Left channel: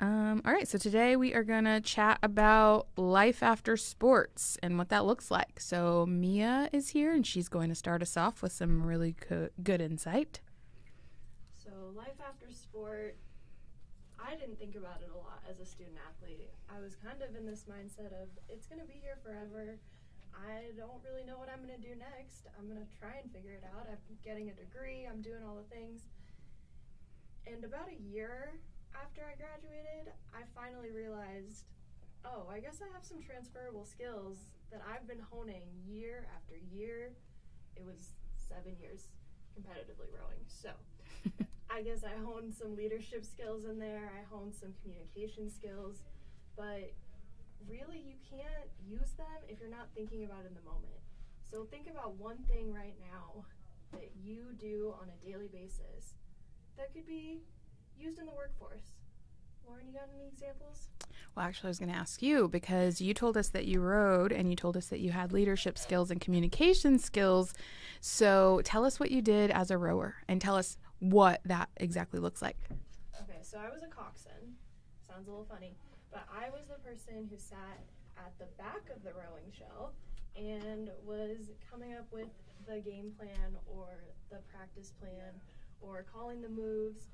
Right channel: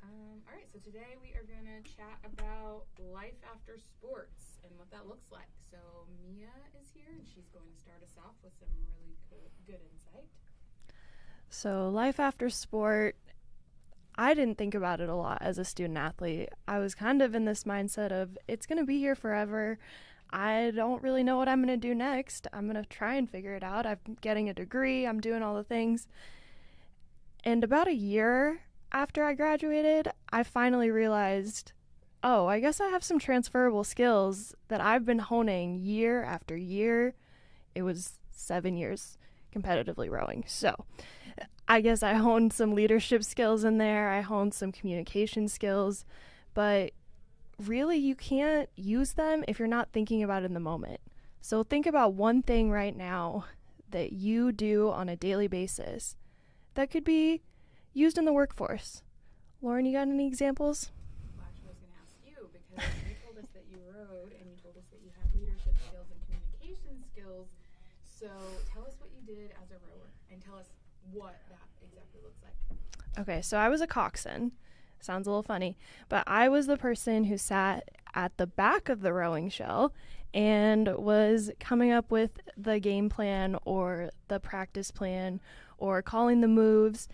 All right, so today we are going to chat about life after sports and what that looks like. So, Mia is here and she's going to start us off with some really good insight. So, life after sport, I didn't think about it a lot as a student athlete. I was kind of in this mindset of it's going to be here forever. I don't really know what I'm going to do next. I'm going to try and figure it out. I'm getting a degree, I'm doing all the things. And about a year after I graduated, I finally realized, oh, I guess I have some transferable skills that I've been honing year after year. It was 7 years competitively rowing. So I guess I honed some leadership skills in there. I honed some communication skills. But really, you can't use them if you're not thinking about it in the moment. So think about one thing right now that you do on a daily basis that could be used in the workforce. Lauren, you got any examples? Well, actually, I was going to ask you because you told us that you rowed and you told us that you had leadership skills and communication skills. So tell us what you did as a rower and tell us what that exactly looks like. Okay, so I was a coxswain. Sounds a little funny, but I was the person who sat at the back of the rowing shell and was coming up with the game plan or the practice plan or calling the moves.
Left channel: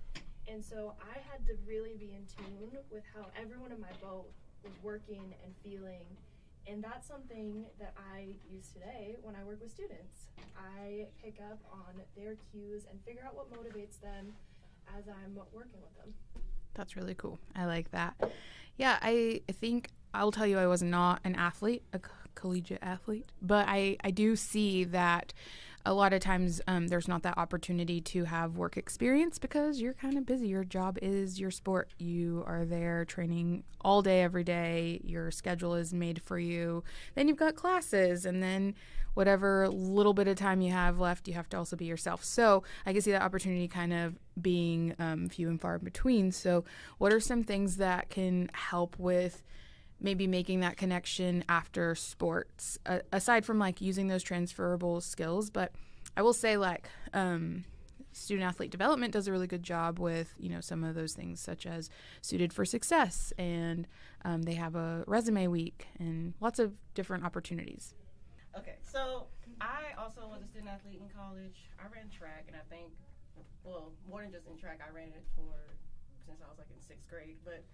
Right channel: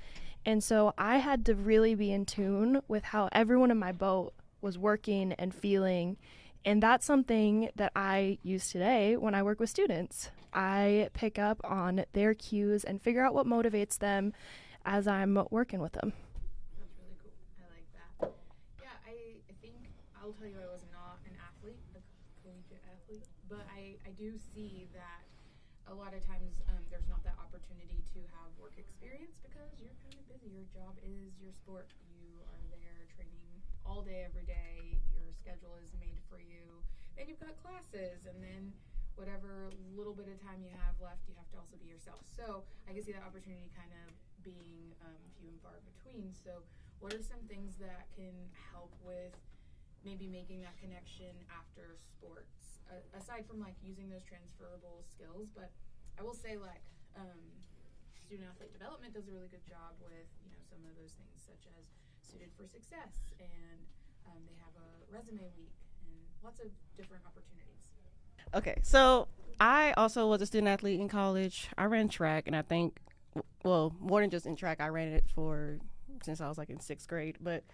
And so I had to really be in tune with how everyone in my boat was working and feeling. And that's something that I use today when I work with students. I pick up on their cues and figure out what motivates them as I'm working with them. That's really cool. I like that. Yeah, I think I'll tell you I was not an athlete, a collegiate athlete, but I do see that a lot of times there's not that opportunity to have work experience because you're kind of busy. Your job is your sport. You are there training all day, every day. Your schedule is made for you. Then you've got classes, and then whatever little bit of time you have left, you have to also be yourself. So I can see that opportunity kind of being few and far in between. So what are some things that can help with maybe making that connection after sports, aside from like using those transferable skills? But I will say student athlete development does a really good job with, some of those things such as Suited for Success, and they have a resume week and lots of different opportunities. Okay, so I also was a student athlete in college. I ran track, and I think, well, more than just in track, I ran it since I was like in 6th grade. But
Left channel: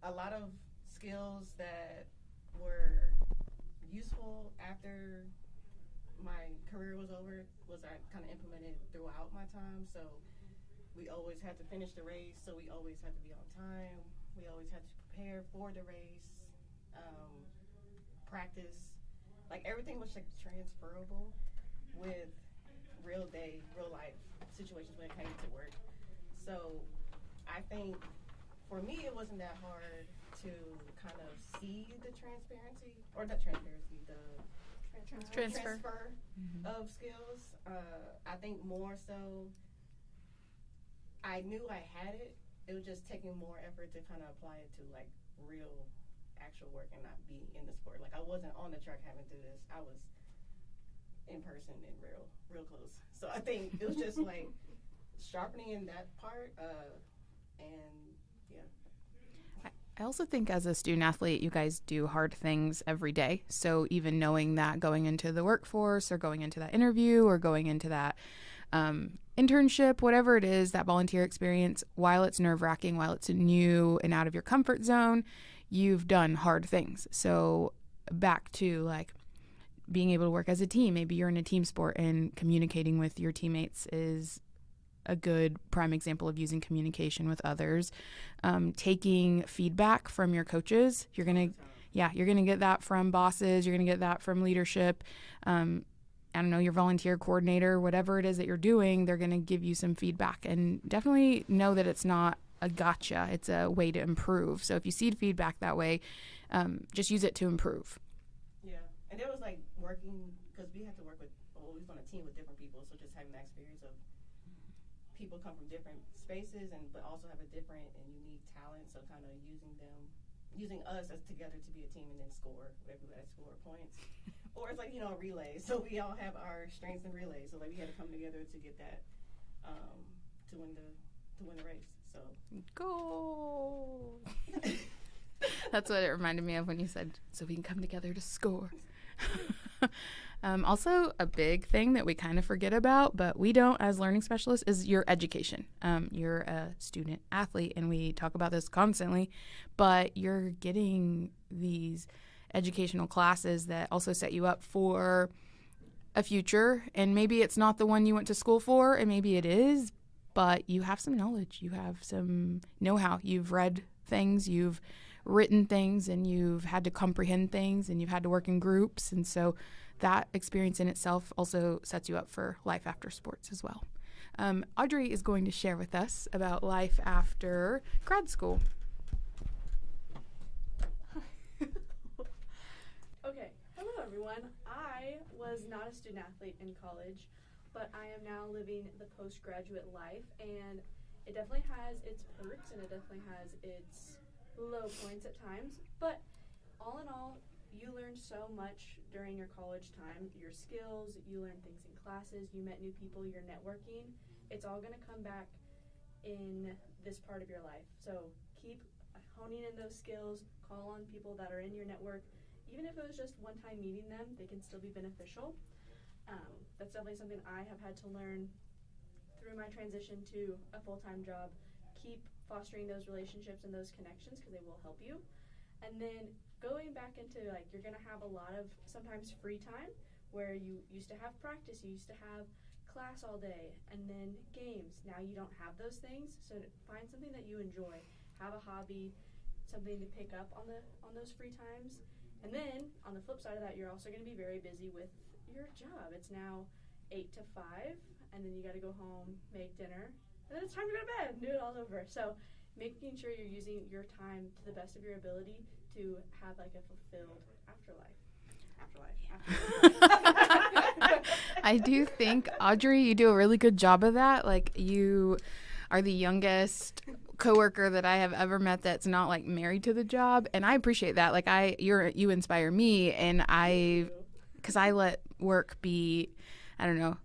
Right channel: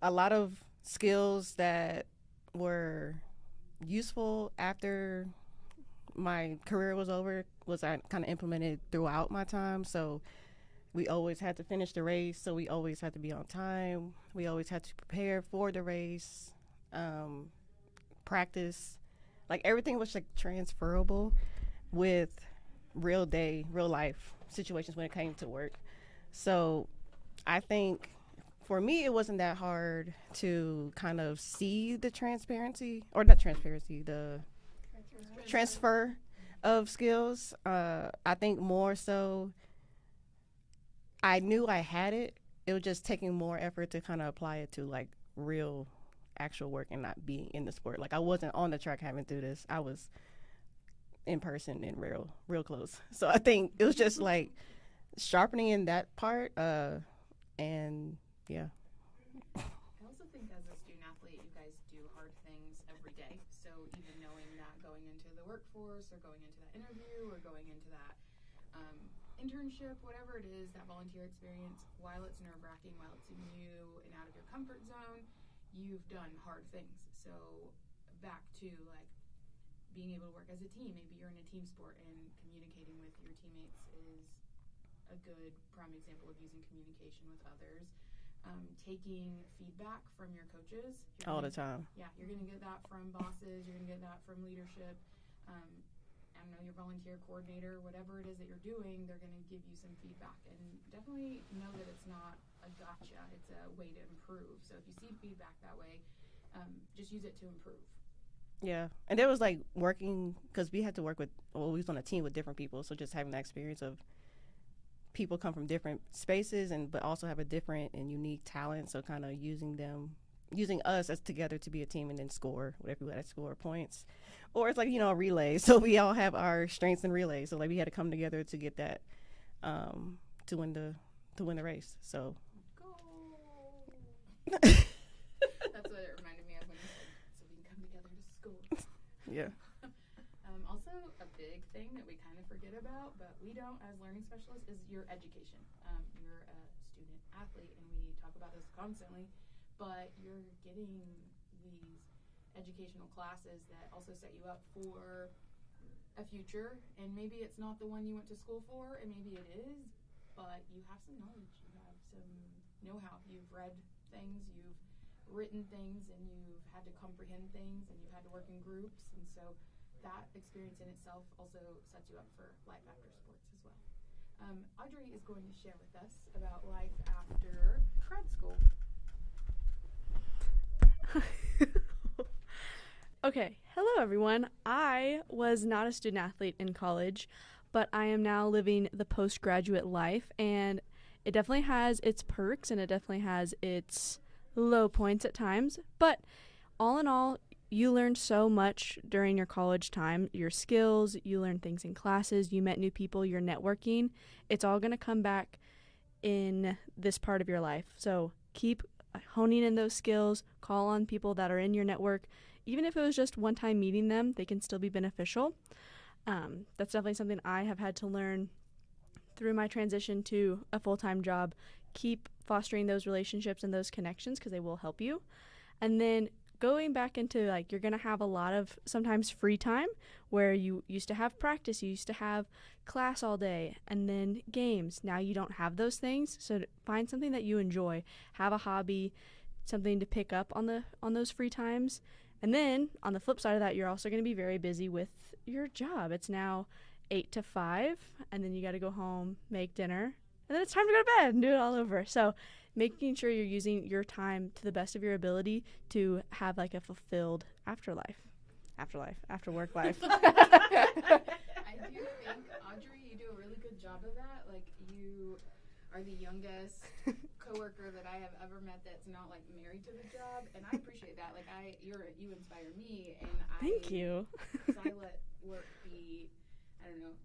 a lot of skills that were useful after my career was over was I kind of implemented throughout my time. So we always had to finish the race, so we always had to be on time. We always had to prepare for the race, practice. Like everything was like transferable with real life situations when it came to work. So I think for me, it wasn't that hard to kind of see the transfer of skills. I think more so I knew I had it. It was just taking more effort to kind of apply it to like real actual work and not being in the sport. Like I wasn't on the track having to do this. I was in person and real close. So I think it was just like sharpening in that part and yeah. I also think as a student athlete, you guys do hard things every day. So even knowing that going into the workforce or going into that interview or going into that internship, whatever it is, that volunteer experience, while it's nerve-wracking, while it's new and out of your comfort zone, you've done hard things. So back to like being able to work as a team. Maybe you're in a team sport and communicating with your teammates is a good prime example of using communication with others. Taking feedback from your coaches. You're gonna, all the time. Yeah, you're gonna get that from bosses. You're gonna get that from leadership. I don't know, your volunteer coordinator, whatever it is that you're doing, they're gonna give you some feedback, and definitely know that it's not a gotcha. It's a way to improve. So if you see feedback that way, just use it to improve. Yeah, and there was like working because we had to work with. Well, we was on a team with different people, so just having that experience of people come from different spaces but also have a different and unique talent. So kind of using us as together to be a team and then score whatever we had to score points, or it's like a relay. So we all have our strengths in relay. So like we had to come together to get that to win the race. So Go. That's what it reminded me of when you said, so we can come together to score. Yeah. Also, a big thing that we kind of forget about, but we don't as learning specialists, is your education. You're a student athlete, and we talk about this constantly, but you're getting these educational classes that also set you up for a future, and maybe it's not the one you went to school for, and maybe it is, but you have some knowledge, you have some know-how, you've read things, you've written things, and you've had to comprehend things, and you've had to work in groups, and so that experience in itself also sets you up for life after sports as well. Audrey is going to share with us about life after grad school. Okay, hello everyone. I was not a student athlete in college, but I am now living the postgraduate life, and it definitely has its perks and it definitely has its low points at times, but all in all, you learned so much during your college time, your skills, you learned things in classes, you met new people, your networking. It's all going to come back in this part of your life. So keep honing in those skills, call on people that are in your network. Even if it was just one time meeting them, they can still be beneficial. That's definitely something I have had to learn through my transition to a full-time job. Keep fostering those relationships and those connections because they will help you. And then going back into, like, you're going to have a lot of sometimes free time where you used to have practice, you used to have class all day, and then games. Now you don't have those things, so find something that you enjoy. Have a hobby, something to pick up on those free times. And then on the flip side of that, you're also going to be very busy with your job. It's now 8 to 5, and then you got to go home, make dinner, and then it's time to go to bed and do it all over. So making sure you're using your time to the best of your ability to have like a fulfilled after work life. I do think, Audrey, you do a really good job of that. Like, you are the youngest coworker that I have ever met that's not like married to the job, and I appreciate that. Like, you inspire me, and because I let work be, I don't know,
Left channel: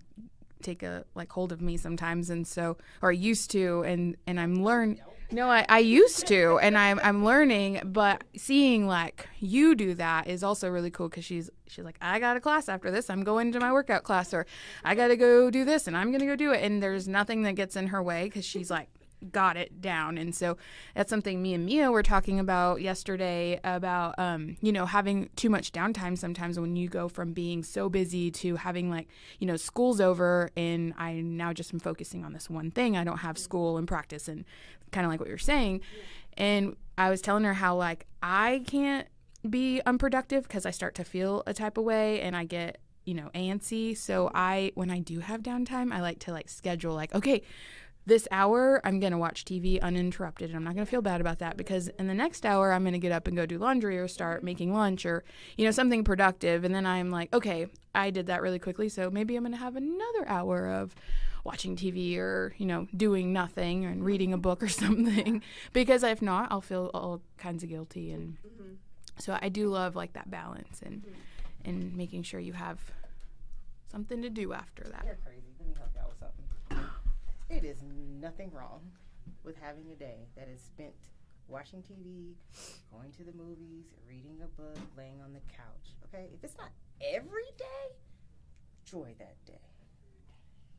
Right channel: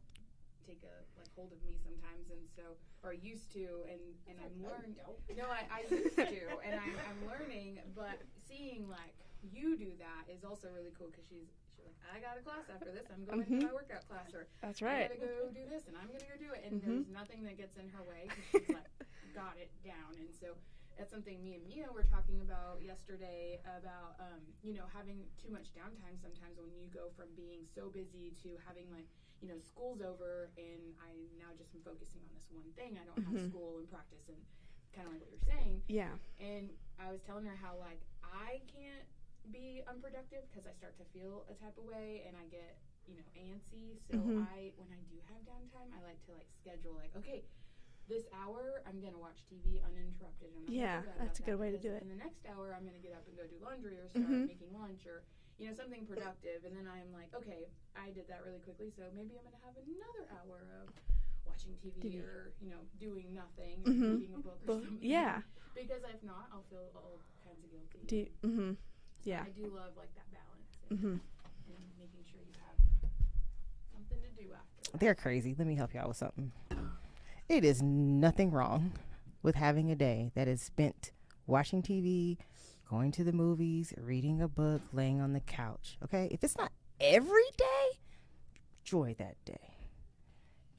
take a hold of me sometimes, and so, or I used to, and I'm learning. No, I used to, and I'm learning, but seeing like you do that is also really cool because she's like, I got a class after this, I'm going to my workout class, or Right. I got to go do this, and I'm going to go do it, and there's nothing that gets in her way because she's like got it down. And so that's something me and Mia were talking about yesterday about, having too much downtime sometimes when you go from being so busy to having like, school's over and I now just am focusing on this one thing. I don't have school and practice and kind of like what you're saying. Yeah. And I was telling her how like I can't be unproductive because I start to feel a type of way and I get, antsy. So when I do have downtime, I like to like schedule like, okay, this hour I'm going to watch TV uninterrupted, and I'm not going to feel bad about that because in the next hour I'm going to get up and go do laundry or start making lunch or, something productive. And then I'm like, okay, I did that really quickly, so maybe I'm going to have another hour of watching TV or, doing nothing and reading a book or something. Yeah. Because if not, I'll feel all kinds of guilty. So I do love like that balance and making sure you have something to do after that. They're crazy. Let me help you out with something. It is nothing wrong with having a day that is spent watching TV, going to the movies, reading a book, laying on the couch. Okay? If it's not every day, enjoy that day.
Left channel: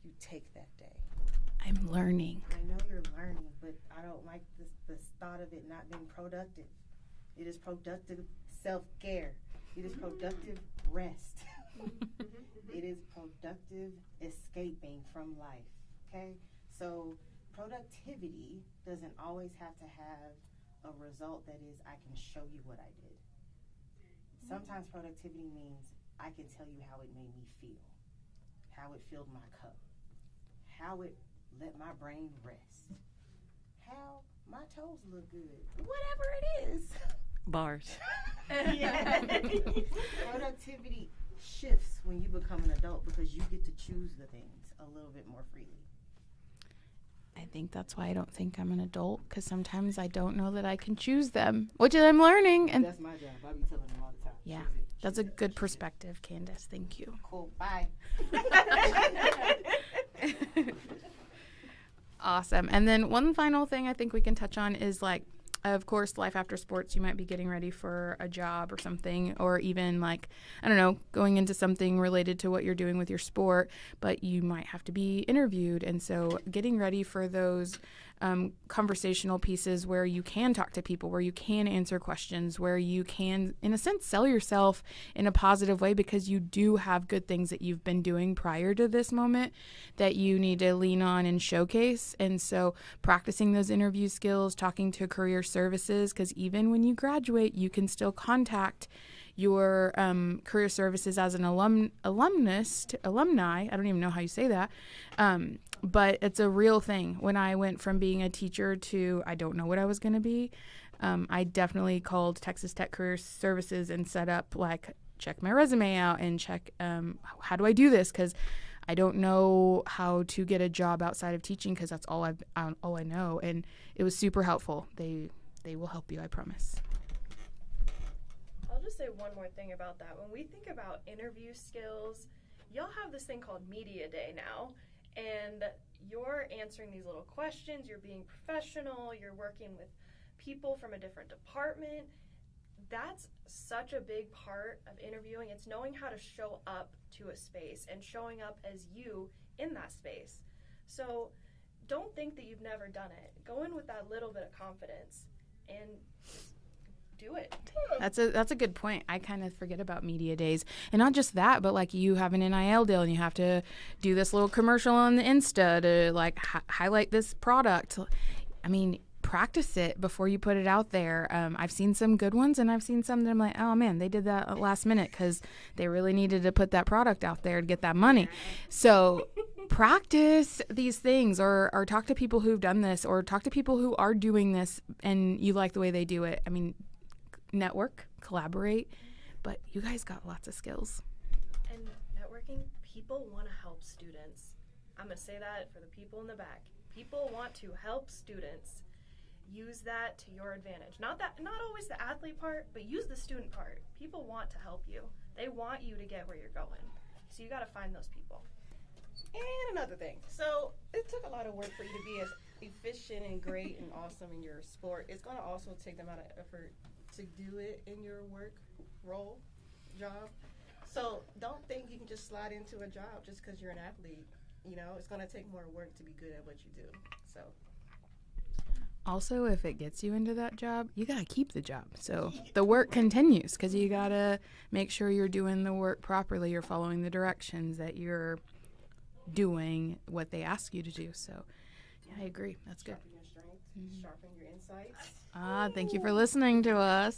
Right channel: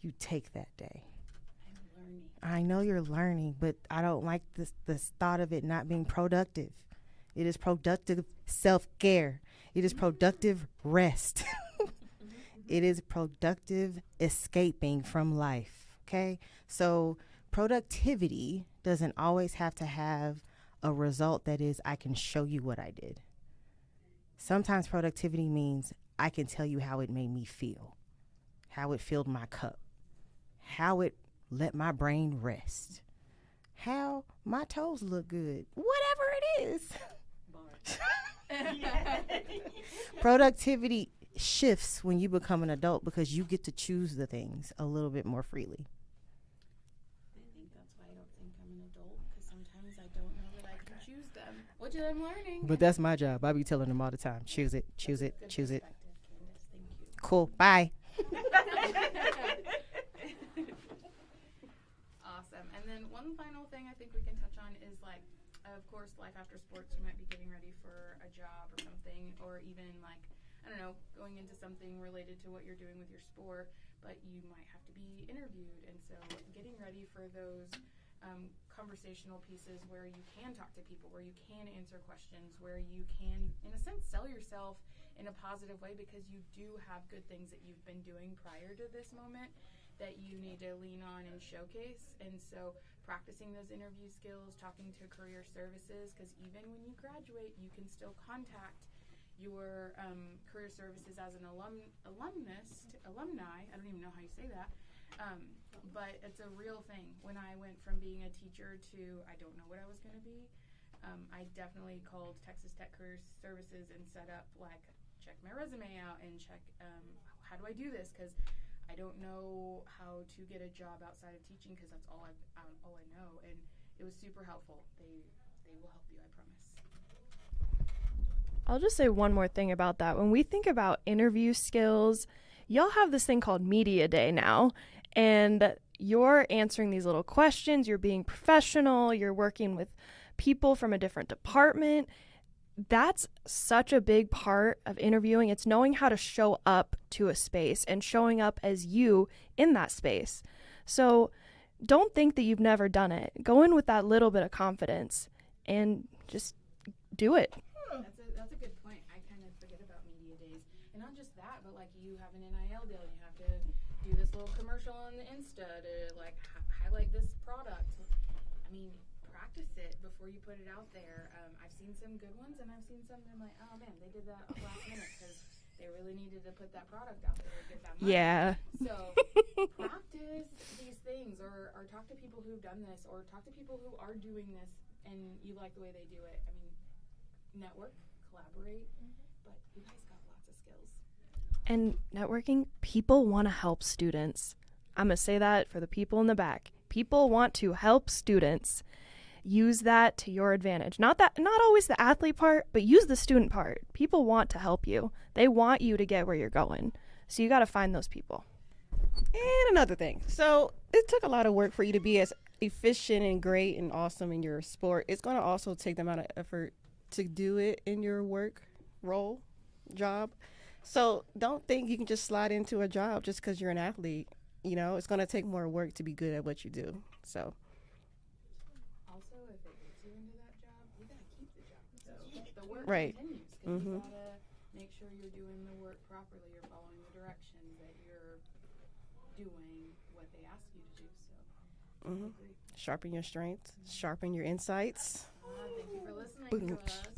You take that day. I'm learning. I know you're learning, but I don't like this thought of it not being productive. It is productive self-care. It is productive rest. It is productive escaping from life, okay? So productivity doesn't always have to have a result that is, I can show you what I did. Sometimes productivity means I can tell you how it made me feel, how it filled my cup, how it let my brain rest, how my toes look good, whatever it is. Bars. Productivity shifts when you become an adult because you get to choose the things a little bit more freely. I think that's why I don't think I'm an adult, because sometimes I don't know that I can choose them, which I'm learning. But And that's my job. I be telling them all the time. Yeah, Choose it. Choose that's a it. good choose perspective, Candace. Thank you. It. Cool. Bye. Awesome. And then one final thing I think we can touch on is like of course, life after sports, you might be getting ready for a job or something, or even like, I don't know, going into something related to what you're doing with your sport, but you might have to be interviewed. And so getting ready for those conversational pieces where you can talk to people, where you can answer questions, where you can, in a sense, sell yourself in a positive way, because you do have good things that you've been doing prior to this moment that you need to lean on and showcase. And so practicing those interview skills, talking to career services, because even when you graduate, you can still contact your career services as an alumni. I don't even know how you say that. But it's a real thing. When I went from being a teacher to I don't know what I was going to be, I definitely called Texas Tech Career Services and set up, like, check my resume out and check how do I do this, because I don't know how to get a job outside of teaching, because that's all I know. And it was super helpful. They will help you, I promise. I'll just say one more thing about that. When we think about interview skills, y'all have this thing called Media Day now, and you're answering these little questions, you're being professional, you're working with people from a different department. That's such a big part of interviewing. It's knowing how to show up to a space and showing up as you in that space. So don't think that you've never done it. Go in with that little bit of confidence and just do it. That's a good point. I kind of forget about media days. And not just that, but like you have an NIL deal and you have to do this little commercial on the Insta to like highlight this product. I mean, practice it before you put it out there. I've seen some good ones, and I've seen some that I'm like, oh man, they did that at last minute because they really needed to put that product out there to get that money. Yeah. So practice these things, or talk to people who've done this, or talk to people who are doing this and you like the way they do it. I mean, network, collaborate, but you guys got lots of skills. And networking, people want to help students. I'm going to say that for the people in the back. People want to help students. Use that to your advantage. Not always the athlete part, but use the student part. People want to help you. They want you to get where you're going. So you got to find those people. And another thing. So it took a lot of work for you to be as efficient and great and awesome in your sport. It's going to also take the amount of effort to do it in your work role, job. So don't think you can just slide into a job just because you're an athlete. You know, it's going to take more work to be good at what you do. So also, if it gets you into that job, you got to keep the job. So the work Right. continues, because you got to make sure you're doing the work properly. You're following the directions, that you're doing what they ask you to do. So I agree. That's true. sharpen your strengths, sharpen your insights. Thank you for listening to us.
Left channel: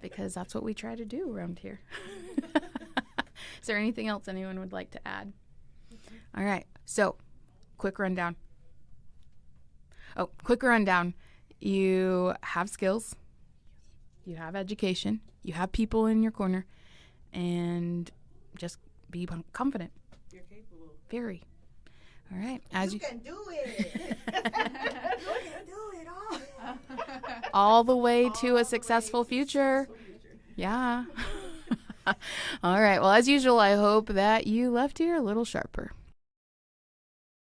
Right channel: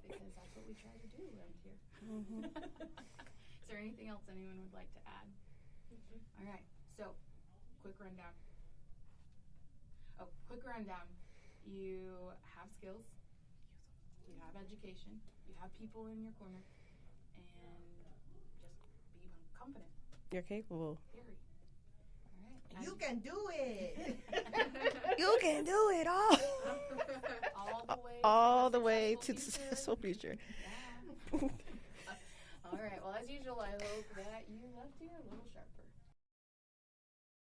Because that's what we try to do around here. Is there anything else anyone would like to add? All right. So, quick rundown. You have skills. You have education. You have people in your corner. And just be confident. You're capable. Very. All right. You can do it. You can do it all. All the way All to the a way successful to future. successful future. Yeah. All right. Well, as usual, I hope that you left here a little sharper.